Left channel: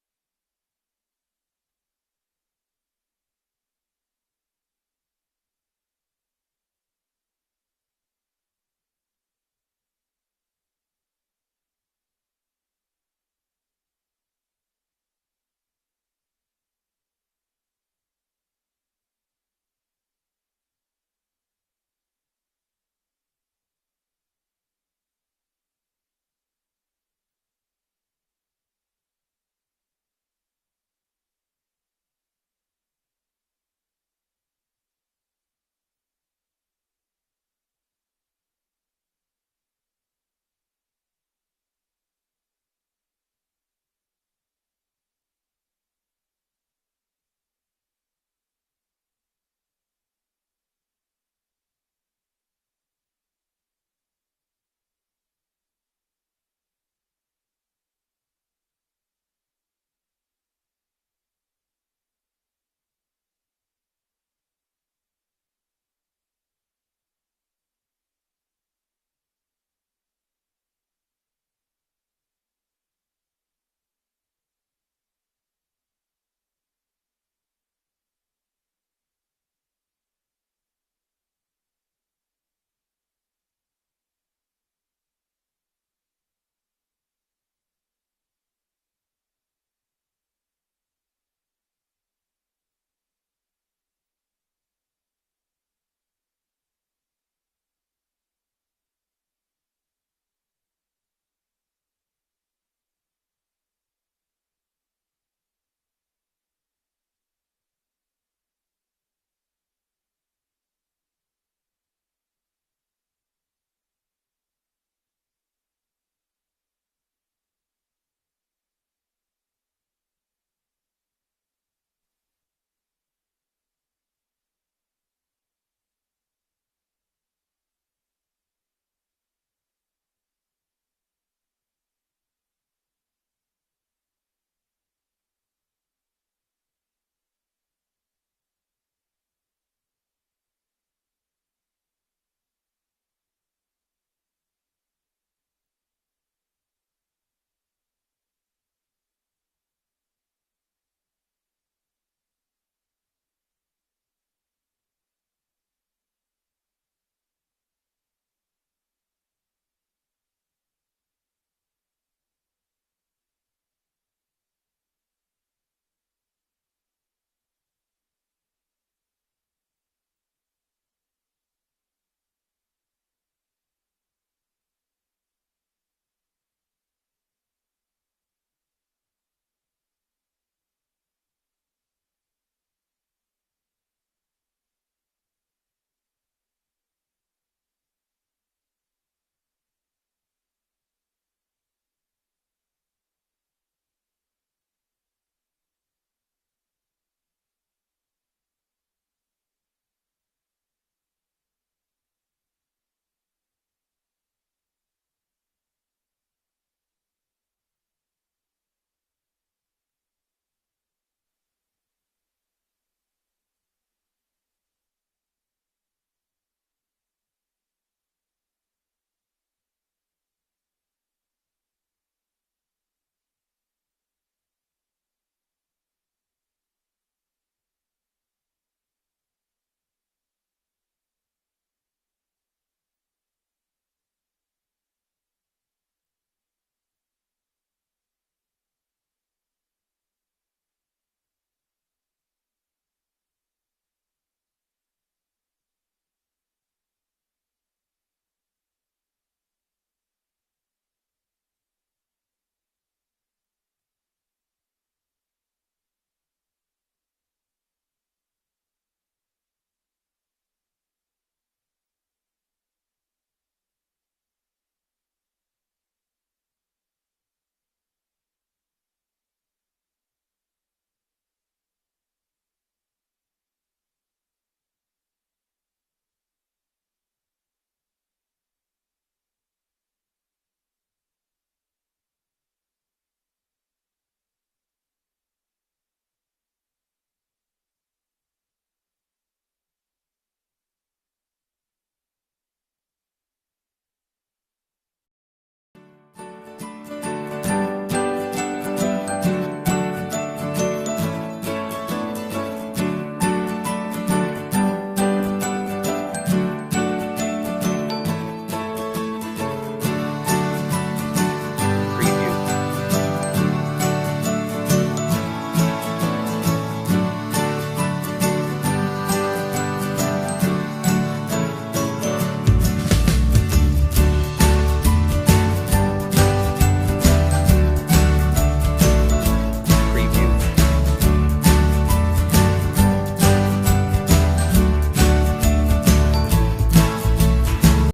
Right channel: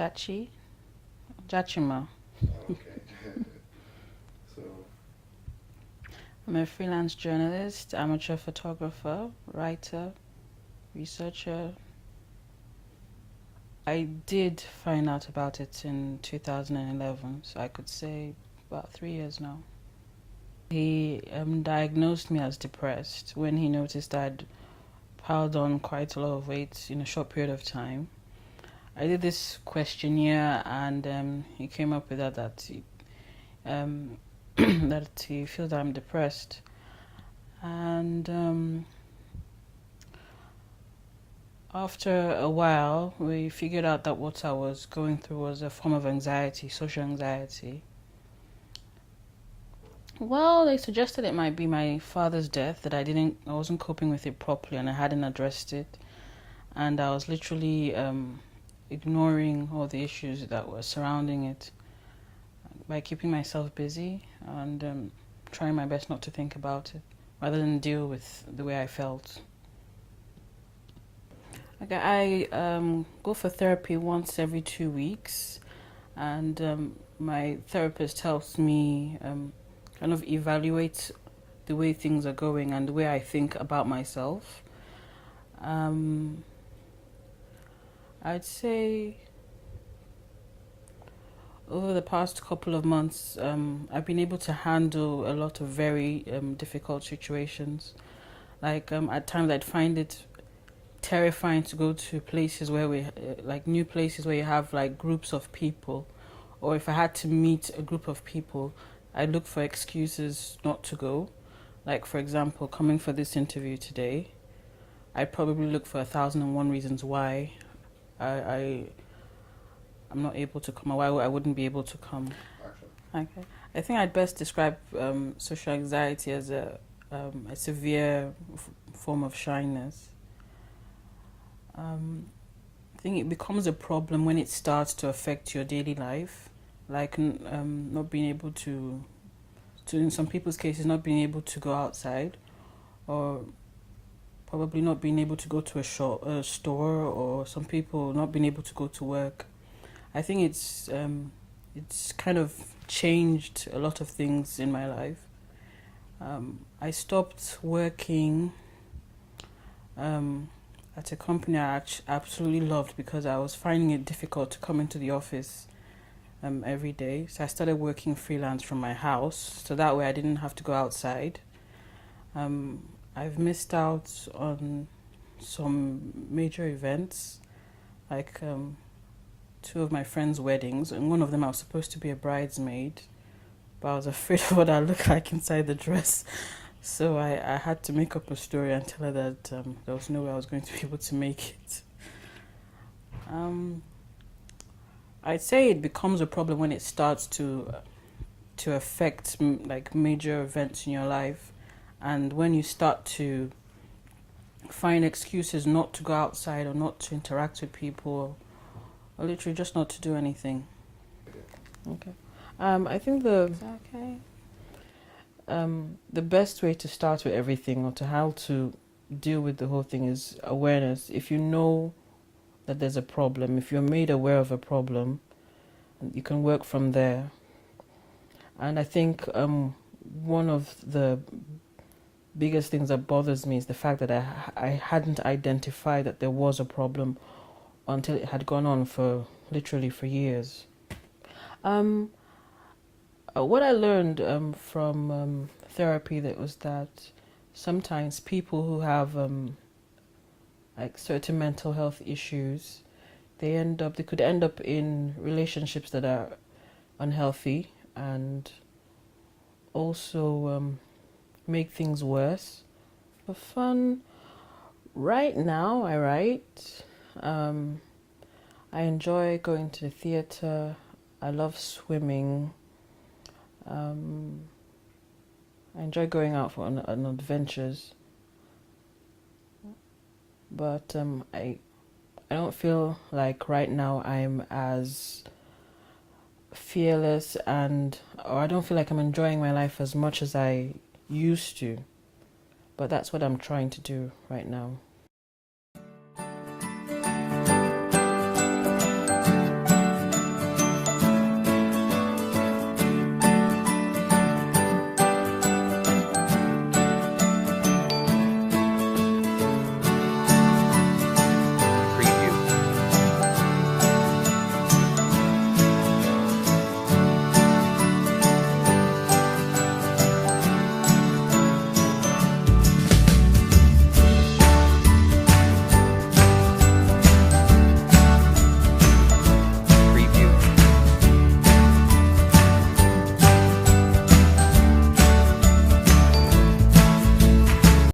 Jachi. Jachima. Okay. So, I'm a freelance journalist, amateur photographer, writer, researcher. I did find out about it in 2011, so I could say about 3 years now. He diagnosed me as depressed when he noticed I'd piled on quite a lot of weight in a short period of time. I did this questionnaire, and he came up with um, that he feels that I'm depressed, and after a while, we figured out that what I was going through was a form of anxiety, social anxiety. Well, they suggested it might be my father's death, that I wasn't coping with it properly, and I hadn't addressed it, and I was literally ignoring all the issues that were surrounding it by keeping myself busy and trying my best not to think about it, rather than deal with the way I felt. Okay, I go for therapy once every 2 weeks, and my therapist helps me kind of evaluate the way things are going and the way I think about myself. Um, I'd say over the past couple of months, I've been able to handle a lot of very difficult situations. Like at times, I'd find it terrifying to go to places where like new places where you have like groups of people, or if I had to meet a group of people, I look for excuses not to go. Like, for example, coming for this interview today, I'd probably look for 1,001 reasons why I, I I'm not able to come, or why I wouldn't be able to come. Okay, I think I'd best describe social anxiety as a severe form of shyness. I think it becomes a problem when it starts to affect your daily life, like not being able to, in some people's cases, not being able to go outside, or probably not being able to go to a store, or some people not being able to go to work. I think it's kind of changed a lot of things in my life. I stopped working at a company I absolutely loved because I was finding it difficult to come into the office every day. So I started working freelance from my house, so that way I didn't have to go outside. I've missed out on some major events, like two of my friends' weddings, and one of them I was supposed to be a bridesmaid, but I was afraid of what I look like inside the dress. So I had to make up a story and tell her that there was no way I was going to be able to make it. I'd say it becomes a problem when it starts to affect like major events in your life, and when you start to find excuses not to go outside or not to interact with people, or literally just not to do anything. Okay. I think okay. The best way to start with everything, or to how to deal with the whole thing, is awareness. If you know that there's a problem, if you're made aware of a problem, you can work from there. And I think one of the biggest things that bothers me is the fact that I hadn't identified that there was a problem until it had gone on for literally for years. What I learned from therapy, that was that sometimes people who have like certain mental health issues, they could end up in relationships that are unhealthy, and also make things worse. For fun, right now I write. I enjoy going to the theatre. I love swimming. I enjoy going out on adventures, but I don't feel like right now I'm as fearless, or I don't feel like I'm enjoying my life as much as I used to. But that's what I'm trying to do right now.